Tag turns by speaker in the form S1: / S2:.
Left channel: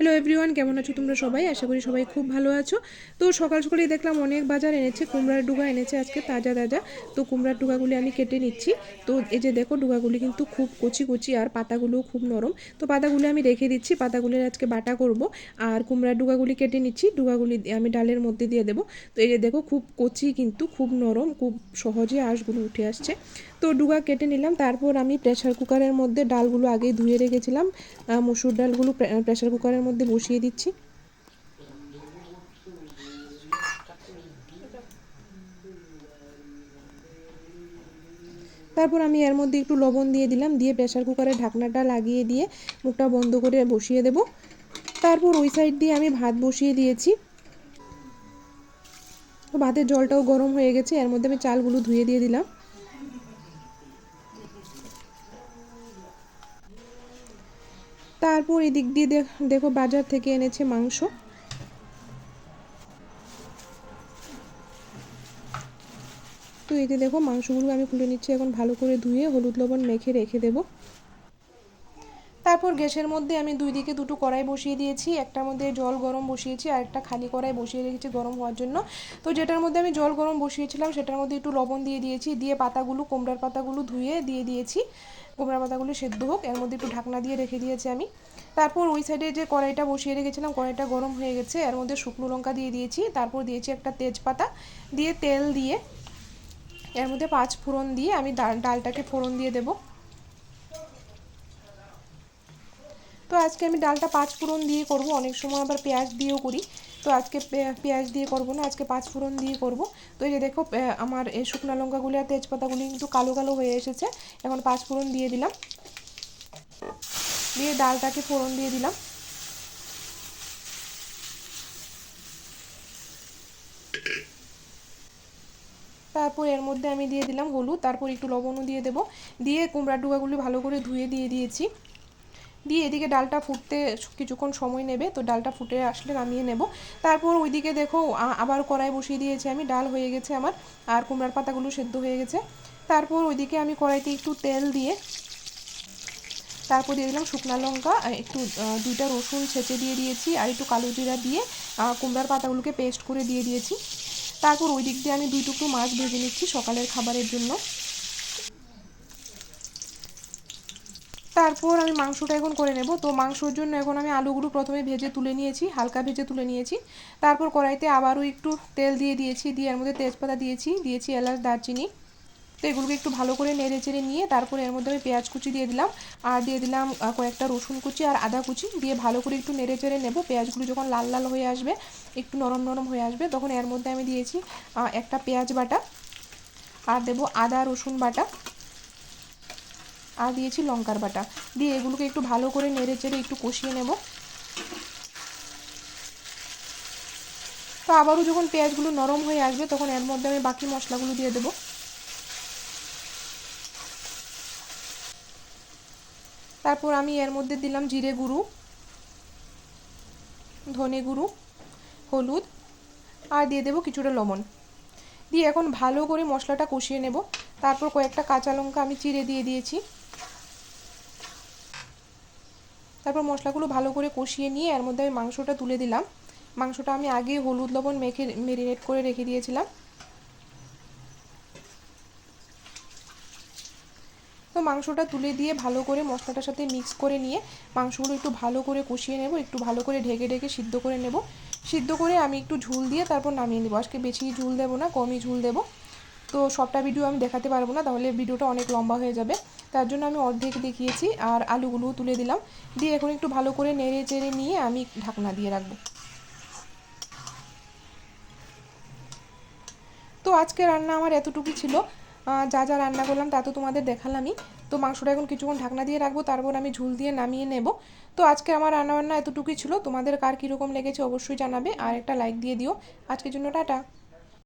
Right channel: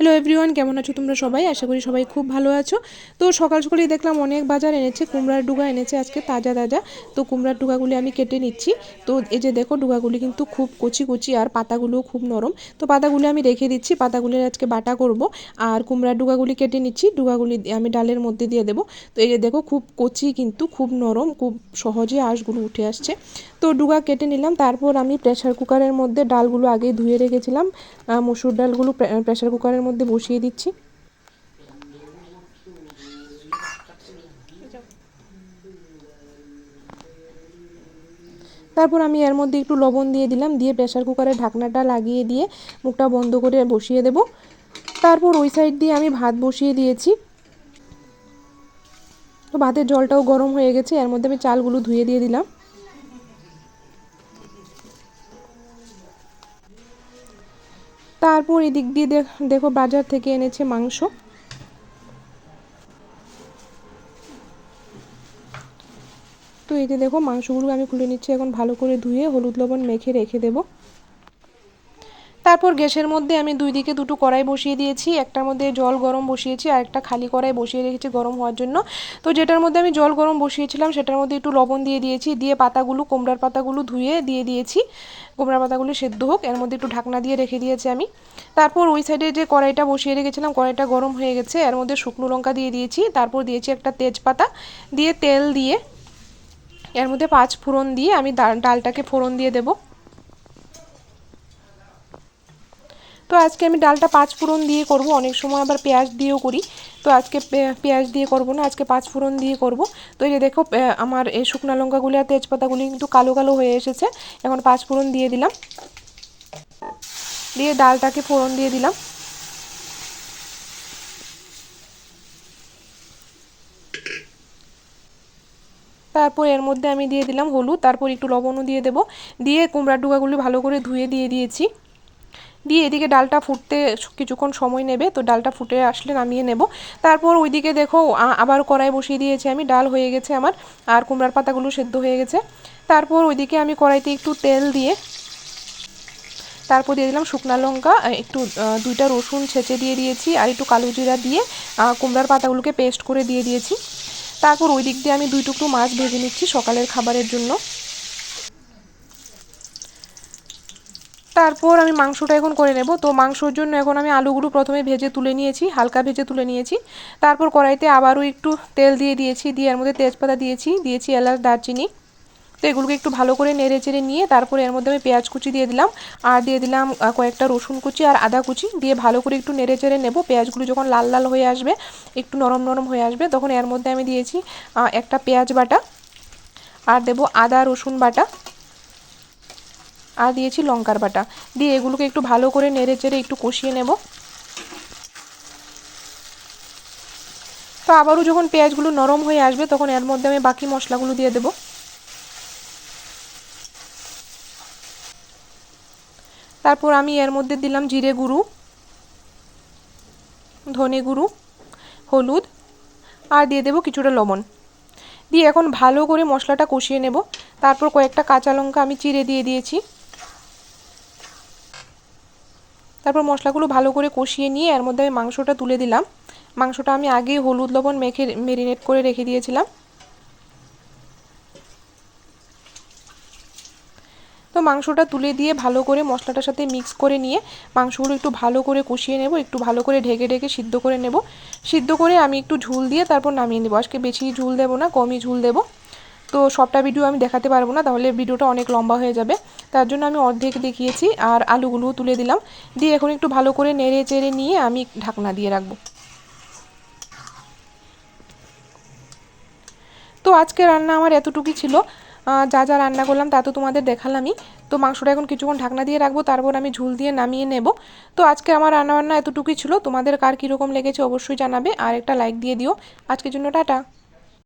S1: Hello everyone কেমন আছো তোমরা সবাই? আশা করি সবাই খুব ভালো আছো। তো সকাল সকালেই দেখলাম অনেক বাজার এনেছে, কুমড়ার ডুগা এনেছে আজকে, তাজা তাজা। তো কুমড়ার ডুগাগুলি আমি কেটে নিচ্ছি। তো এই যে দেখো, ডুগাগুলি কিন্তু খুব কচি কচি আর পাতাগুলোও খুব নরম। তো পাতাগুলি আমি রেখে দিচ্ছি পাতাগুলির আজকে বাটা করব। আর কুমড়ার ডুগাগুলি কেটে নিচ্ছি, ডুগাগুলি আমি ডালের মধ্যে দিয়ে দেবো। তো এই যে দেখো, খুব কচি কিন্তু খুব নরম, খুব সহজে আঁশগুলো উঠে আসছে। তো ডুগা কেটে নিলাম, তারপর আমি প্রেশার কুকারের মধ্যে ডালগুলো আগে ধুয়ে রেখেছিলাম। মসুর ডালগুলো প্রেশার কুকারের মধ্যে বসিয়ে দিচ্ছি। তারপর আমি এর মধ্যে একটু লবণ দিয়ে দিলাম, দিয়ে প্রেশার কুকারের ঢাকনাটা লাগিয়ে দিয়ে মুখটা বন্ধ করে বসিয়ে দেব। তারপর ওই সাইড দিয়ে আমি ভাত বসিয়ে দিয়েছি। তো ভাতের জলটাও গরম হয়ে গেছে, এর মধ্যে আমি চালগুলো ধুয়ে দিয়ে দিলাম। তারপর এদিক দিয়ে দেখো বাজার থেকে এনেছে মাংস। তো এই যে দেখো মাংসগুলো আমি খুলে নিচ্ছি, এখন ভালো করে ধুয়ে হলুদ লবণ মেখে রেখে দেবো। তারপর গ্যাসের মধ্যে আমি দুই দিকে দুটো কড়াই বসিয়ে দিয়েছি, একটার মধ্যে জল গরম বসিয়েছি আর একটা খালি কড়াই বসিয়ে রেখেছি গরম হওয়ার জন্য। তো যেটার মধ্যে আমি জল গরম বসিয়েছিলাম সেটার মধ্যে একটু লবণ দিয়ে দিয়েছি, দিয়ে পাতাগুলো, কোমড়ার পাতাগুলো ধুয়ে দিয়ে দিয়েছি। কোমড়ার পাতাগুলো সেদ্ধ হোক, এর মধ্যে একটু ঢাকনা দিয়ে রেখে দিয়েছি আমি। তারপর ওই সাইডে যে কড়াইটা বসিয়ে রেখেছিলাম, কড়াইটা গরম হয়ে গেছে, এর মধ্যে শুকনো লঙ্কা দিয়ে দিয়েছি, তারপর দিয়েছি একটা তেজপাতা, দিয়ে তেল দিয়ে, এর মধ্যে পাঁচ ফোড়ন দিয়ে আমি ডালটাকে ফোড়ন দিয়ে দেবো। তো আজকে আমি ডালটা পাঁচ ফোড়ন দিয়ে করব। অনেক সময় আবার পেঁয়াজ দিয়েও করি। তো আজকে পেঁয়াজ দিয়ে করব না, আজকে পাঁচ ফোড়ন দিয়ে করব। তো এই যে দেখো আমার এই শুকনো লঙ্কাগুলি আর তেজপাতাগুলি কিন্তু কালো কালো হয়ে এসেছে। এখন পাঁচ ফোড়ন দিয়ে দিলাম। দিয়ে ডালটাকে ফোড়ন দিয়ে দিলাম। তারপর এর মধ্যে আমি দিয়ে দিলাম হলুদ। তারপর একটু লবণও দিয়ে দেবো। দিয়ে কুমড়ার ডুগাগুলি ভালো করে ধুয়ে দিয়ে দিয়েছি। দিয়ে এদিকে ডালটা ফুটতে কিছুক্ষণ সময় নেবে, তো ডালটা ফুটে আসলে নামিয়ে নেব। তারপর ওইদিকে দেখো আবার কড়াই বসিয়ে দিয়েছি আমি, ডাল হয়ে গেছে আমার, আর কুমড়ার পাতাগুলো সেদ্ধ হয়ে গেছে। তারপর ওইদিকে আমি কড়াইতে একটু তেল দিয়ে, তারপর দিয়ে দিলাম শুকনো লঙ্কা একটু দুইটা রসুন ছেঁচে দিয়ে দিয়েছি, আর একটু কালো জিরা দিয়ে কুমড়ার পাতাগুলোকে পেস্ট করে দিয়ে দিয়েছি। তারপর ওই দিক দিয়ে আমি দুই টুকরো মাছ ভেজে নিচ্ছি সকালের খাবারের জন্য। তারপর আমি মাংসটা এখন করে নেব। তো মাংসর জন্য এখন আমি আলুগুলো প্রথমে ভেজে তুলে নিয়েছি, হালকা ভেজে তুলে নিয়েছি। তারপর কড়াইতে আবারও একটু তেল দিয়ে দিয়েছি, দিয়ে এর মধ্যে তেজপাতা দিয়েছি দিয়েছি এলাচ, দারচিনি। তো এগুলোকে একটু ভালো করে নেড়ে চেড়ে নিয়ে তারপর এর মধ্যে আমি পেঁয়াজ কুচি দিয়ে দিলাম। আর দিয়ে দিলাম কয়েকটা রসুন কুচি আর আদা কুচি। দিয়ে ভালো করে একটু নেড়ে চেড়ে নেব। পেঁয়াজগুলো যখন লাল লাল হয়ে আসবে, একটু নরম নরম হয়ে আসবে, তখন এর মধ্যে আমি দিয়েছি একটা পেঁয়াজ বাটা। আর দেবো আদা রসুন বাটা। আর দিয়েছি লঙ্কার বাটা। দিয়ে এগুলোকে একটু ভালো করে নেড়ে চেড়ে একটু কষিয়ে নেব। তো আবারও যখন পেঁয়াজগুলো নরম হয়ে আসবে, তখন এর মধ্যে আমি বাকি মশলাগুলো দিয়ে দেব। তারপর আমি এর মধ্যে দিলাম জিরে গুঁড়ো, ধনে গুঁড়ো, হলুদ, আর দিয়ে দেবো কিছুটা লবণ। দিয়ে এখন ভালো করে মশলাটা কষিয়ে নেব। তারপর কয়েকটা কাঁচা লঙ্কা আমি চিড়ে দিয়ে দিয়েছি। তারপর মশলাগুলো ভালো করে কষিয়ে নিয়ে এর মধ্যে আমি মাংসটা তুলে দিলাম। মাংসটা আমি আগে হলুদ লবণ মেখে মেরিনেট করে রেখে দিয়েছিলাম। তো মাংসটা তুলে দিয়ে ভালো করে মশলাটার সাথে মিক্স করে নিয়ে মাংসগুলো একটু ভালো করে কষিয়ে নেব, একটু ভালো করে ঢেকে ঢেকে সিদ্ধ করে নেব। সিদ্ধ করে আমি একটু ঝুল দিয়ে তারপর নামিয়ে নেব। আজকে বেশি ঝুল দেবো না, কমই ঝুল দেবো। তো সবটা ভিডিও আমি দেখাতে পারব না, তাহলে ভিডিওটা অনেক লম্বা হয়ে যাবে। তার জন্য আমি অর্ধেক দেখিয়েছি আর আলুগুলোও তুলে দিলাম। দিয়ে এখন একটু ভালো করে নেড়ে চেড়ে নিয়ে আমি ঢাকনা দিয়ে রাখব। তো আজকে রান্না আমার এতটুকুই ছিল। যা যা রান্না করলাম তা তো তোমাদের দেখালামই। তো মাংসটা এখন কিছুক্ষণ ঢাকনা দিয়ে রাখব, তারপর আমি ঝুল দিয়ে নামিয়ে নেব। তো আজকে আমার রান্নাবান্না এতটুকুই ছিল। তোমাদের কার কীরকম লেগেছে অবশ্যই জানাবে, আর একটা লাইক দিয়ে দিও। আজকের জন্য টাটা।